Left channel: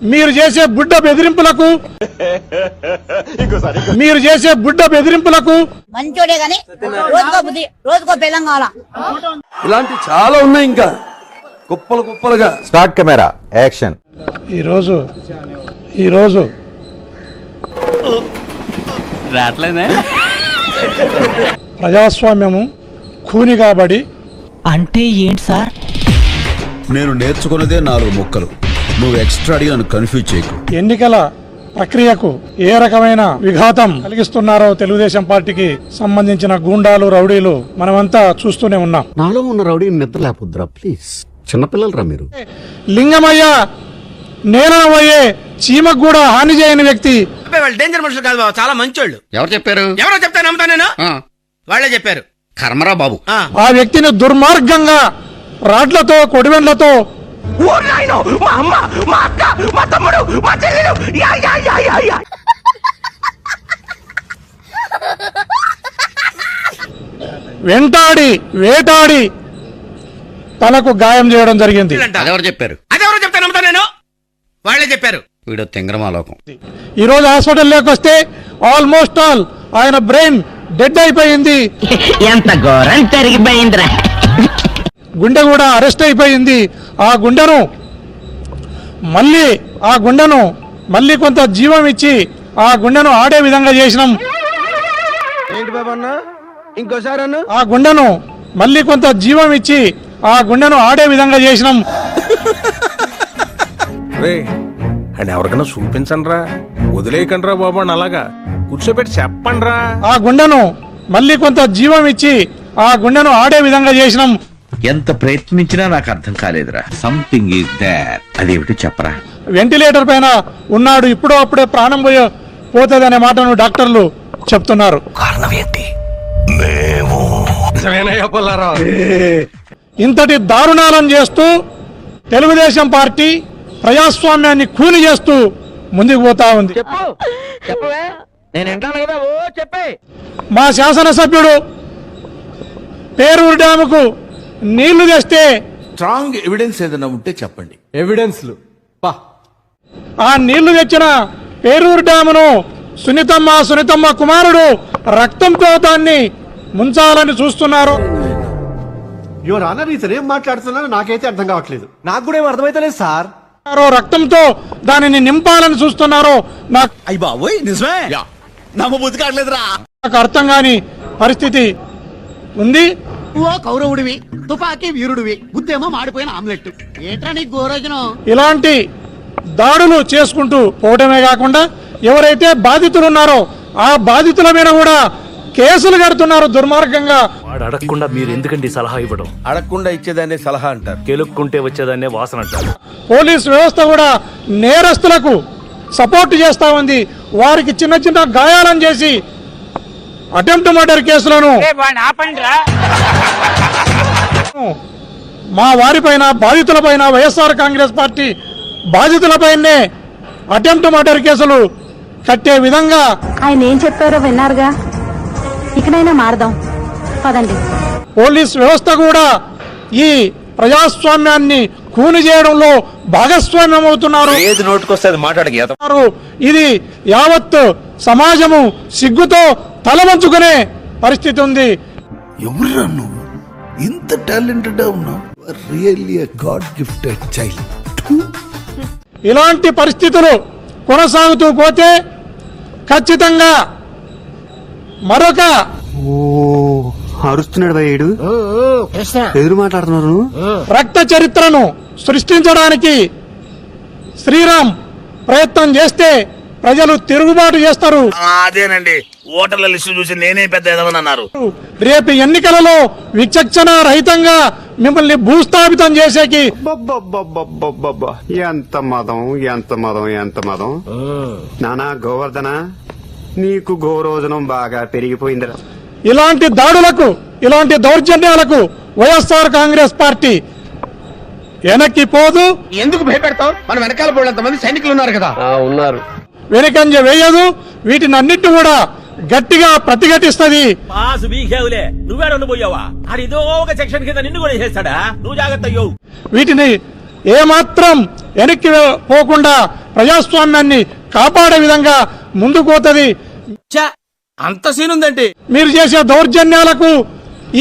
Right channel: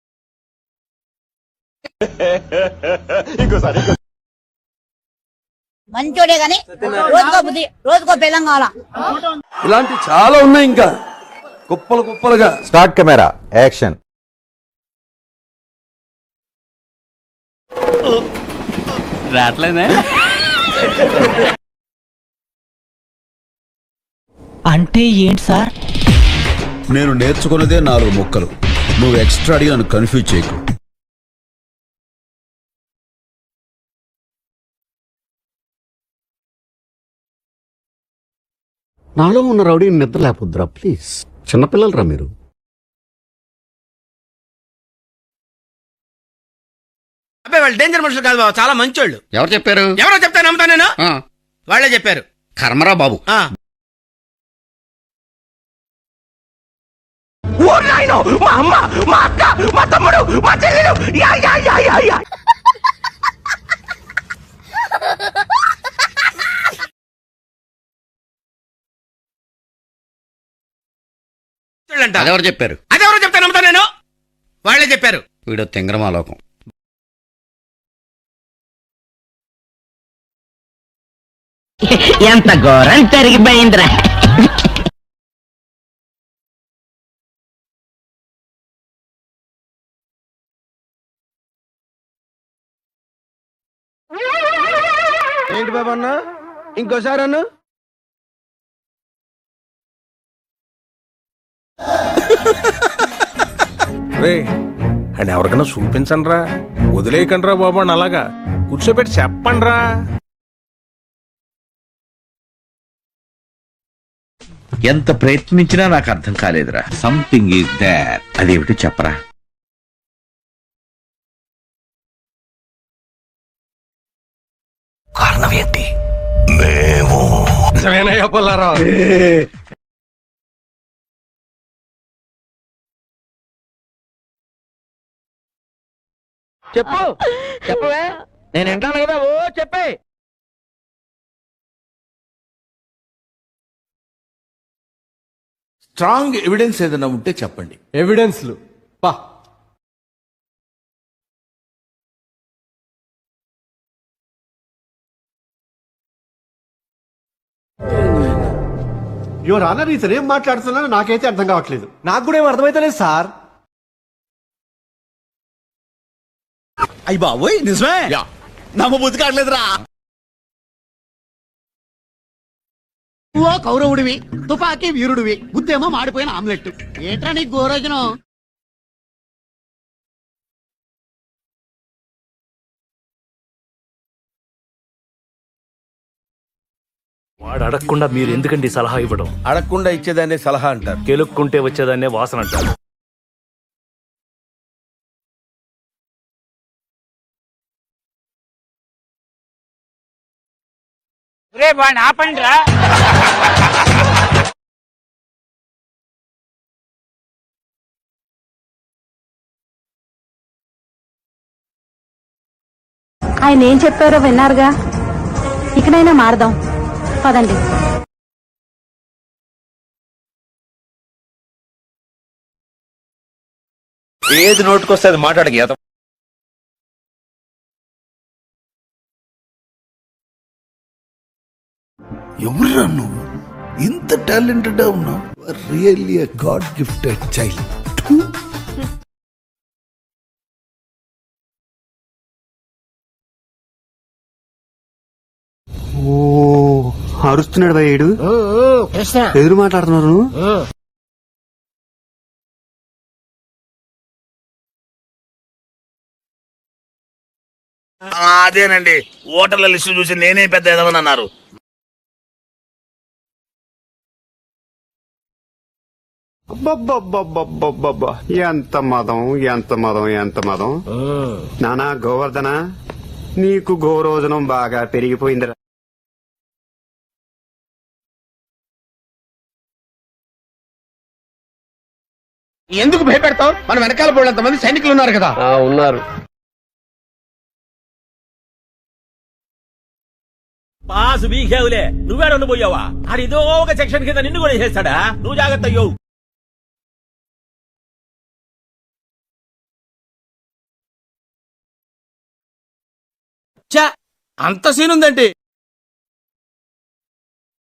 మీరు చేసే బుడ్డ బెదిరింపులకు మంచోడే గాని రోజుకో బుద్ధి రోజుకో బెల్లం కావాలా. ఇలాంటి చాలా ఉన్నాయి ఇంకా కుప్పలు కుప్పలుగా. Start camera action. ఈరోజు ప్రజాస్వామ్యము ఖూని కాబడి అంటే ఏంటి సార్? నేను నేర్చుకున్నదే 4 ముక్కలు. నువ్వు ఎక్స్ట్రా అడిగి నన్ను కన్ఫ్యూజ్ చేయకు. ఎన్నికల ప్రక్రియకు ఏ రకమైన విఘాతం కలిగిస్తున్నారో తెలుగుదేశం పార్టీకి సంబంధించిన గూండాలు, రౌడీలు మనమంతా చూస్తూనే ఉన్నాం. నాలో ఉన్న రౌడీ నిద్ర లేకపోద్దురా ప్లీజ్. చిన్నపిల్లలరా మీరు. లింగమయ్య నేనవయ్యే చీమకు కూడా హాని చేయని వ్యక్తి. వాళ్ళు డేంజర్ మనుషులు కాదు బాబు, చాలా మంచోళ్ళు. ఎవరు చెప్పారు? ఎవరో చెప్తా నమ్ముతా నేను. వాళ్ళే చెప్పారు. కర్మరా బాబు. ఆ వ్యక్తిని దుర్మార్గంగా రాడ్లతో, కొడివెండ్లతో మా అమ్మ, మా అక్క, మా తమ్ముడు, మా చెల్లెలు వెంటాడి వేటాడి తలకు గాయం చేయడం జరిగింది. అదెవరు చెప్పారు? అదెవరో చెప్తా నమ్ముతా నేను. వాళ్ళే చెప్పారు. వీడు తెంగరమాలోకం. ఈ రోజు హాస్పిటల్లోకి వస్తే ఆల్మోస్ట్ ఆల్ ఆయన బ్రెయిన్ డెడ్ అయిపోయింది. ఎంత ఘోరం జరిగిపోయిందిరా. గుండె కూడా అరెస్ట్ అయిపోయింది. ఆ గుండెను మళ్ళీ కొంత జీవం ఇచ్చి ఆ గుండెను ఆడే విధంగా చేసినాం. ఏంటి బాబా అన్న, ఇంకోసారి అన్న. ఆ గుండెను మళ్ళీ కొంత జీవం ఇచ్చి ఆ గుండెను ఆడే విధంగా చేసినాం. అని ఎవరికైనా చూపించండి రా, వదిలేయకండి రా బాబు అని అలాగా కూర్చోబెట్టి చెప్పండి రా. ఆ గుండెను మళ్ళీ కొంత జీవం ఇచ్చి ఆ గుండెను ఆడే విధంగా చేసినాం. ఎంత ప్రయత్నించినా నాకు అర్థం కాలేదురా. Something is there. అదేమిటి చెప్పరా? వెంటిలేటర్ పైన ఉన్నాడు. ఇప్పుడో అప్పుడే ప్రాణం పోతుందనే మాటను డాక్టర్లు చెప్తున్నారు. కారణం ఏంటి? ఇంతటి దారుణాలను చేస్తూ తెలుగుదేశం పార్టీ ప్రజాస్వామ్యాన్ని కూని చేస్తూ ముందుకు పోతా ఉంది. మా శాసనసభ్యుడు పేరూరు డ్యాముకు నీళ్లు తెస్తే స్ట్రాంగ్ ఎవిడెన్స్ ఏదైనా ఉంటే చెప్పండి. ఎవిడెన్స్లు ఆ నీళ్లు తెచ్చిన పేరూరు డ్యామును సునీతమ్మ కుమారుడు రక్తంతో దాన్ని ముంచాలని చూస్తున్నారు. యువర్ ఆనర్, ఇతను ఏం మాట్లాడుతున్నారో నాకైతే అర్థం కావట్లేదు. నాకు కూడా ఏం అర్థమైతలేదు సార్. రక్తంతో దానిని నింపాలని చూస్తున్నారు. నాకు అర్థం కాని పరిస్థితి ఉంది. ఓ కౌరవుడివి, తుపాకీ వీరుడివి, బుద్ధేమో మాడిపోయిన ఆమ్లెట్. ఏంట్రా నీకు గోరోజనం? ఇలాంటి దాడులు చేసుకుంటూ పోవడమే కాకుండా ఎవరైతే బాధితులు ఉన్నారో ఆ బాధితుల మీద కూడా కేసులు కడుతున్నారు దుర్మార్గంగా. వాడు అడగకుండా మీరు ఎందుకండి సలహా ఇవ్వడం? అడగకుండా ఇచ్చేదాన్ని సలహా అంటారు, కెలుక్కుంటే వచ్చేదాన్నే వాసన అంటారు. పోలీస్ వ్యవస్థ కూడా నేరస్తులకు సపోర్ట్ చేస్తా ఉంది. వారికి చిన్న చిన్న గాయాలను చేసి అటెంప్ట్ మర్డర్ కేసులను మా వారిపైన, బాధితులపైన, వైఎస్ఆర్ కాంగ్రెస్ పార్టీ బాధితులపైనే అటెంప్ట్ మర్డర్ కేసులు కట్టే విధంగా ఆయన ఏం చెప్పారో విన్నారుగా, ఇకనైనా మారదాం పదండి. పోలీస్ వ్యవస్థ కూడా ఈ ప్రజాస్వామ్యాన్ని కూని చేయడంలో భాగస్వామ్యం అవుతున్నారు. ఏది నోటుకొస్తే అది మాట్లాడక. ఇది యావత్ సమాజము సిగ్గుతో తలవంచుకునే పరిస్థితి ఉంది. ఎవరురా నువ్వు? ఇంత టాలెంటెడ్ ఉన్నావు. Really a God gifted child. ఇలాంటి పరిస్థితులు కొనసాగుతూ పోతే ఖచ్చితంగా మరొక అరుస్తున్నాడు భయ్యుడు, ఎదురు మాట్లాడుతున్నారు. రక్త చరిత్రను సృష్టించడానికి శ్రీరామ్ ప్రయత్నం చేస్తే ప్రజలు తిరుగుబాటు చేస్తారు. అదేనండి, ఓటర్ల లిస్టు చూసి నేనే పెద్ద ఎదవనన్నారు. రేపు ఎన్నికలలో విచక్షణ రహితంగా మిమ్మల్ని భూస్థాపితం చేసేకి. ఎంత మదం నానా గోవర్ధన, నీకు గోరోజనం బాగా పెరిగిపోయిందిరా. ఇలాంటి దాడులకు, ఇలాంటి దౌర్జన్యాలకు వైఎస్ఆర్ కాంగ్రెస్ పార్టీ వెనక్కి పోదు. ఎందుకు భయపెడతావు? మన వెనకాల పోలంత మంది సైనికులు ఉన్నారు కదా. ఉన్నారు. వెనకంజ వేయదు. వీటిని అన్నిటి కూడా గట్టిగా ప్రతిఘటిస్తుంది. నువ్వేడపోయావా? అడిదో ఒక సెక్షన్ కింద నిన్ను కూడా చేస్తాడా? నువ్వు జాగ్రత్త. వీటిని ఏమాత్రం వెనక్కి పోకుండా ప్రజాస్వామ్యాన్ని కాపాడే విధంగా ముందుకు పోతుంది. అంత సీన్ ఉందండి. మీరు చేసే దౌర్జన్యాలకు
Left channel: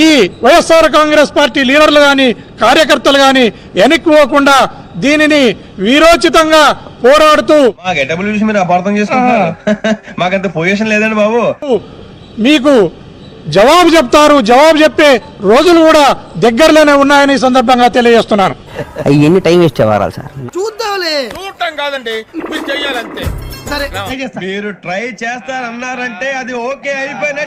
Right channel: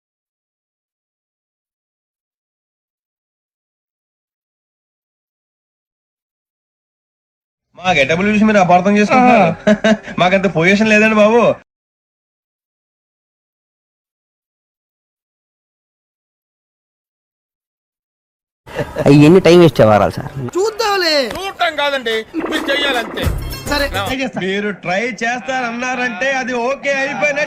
ఈ వైఎస్ఆర్ కాంగ్రెస్ పార్టీ లీడర్లు కానీ కార్యకర్తలు కానీ వెనక్కి పోకుండా దీనిని వీరోచితంగా పోరాడుతూ మా గెటబుల్ చూసి మీరు అపార్థం చేసుకుంటున్నారు. మాకంత పొజిషన్ లేదండి బాబు. మీకు జవాబు చెప్తారు. జవాబు చెప్పే రోజులు కూడా దగ్గరలోనే ఉన్నాయని ఈ సందర్భంగా తెలియజేస్తున్నాను. ఎన్ని టైం వేస్ట్ అవ్వాలి సార్? చూద్దాంలే. చూడటం కాదండి, మీరు చెయ్యాలంతే. సరే మీరు ట్రై చేస్తారన్నారంటే అది ఓకే అయిపోయిన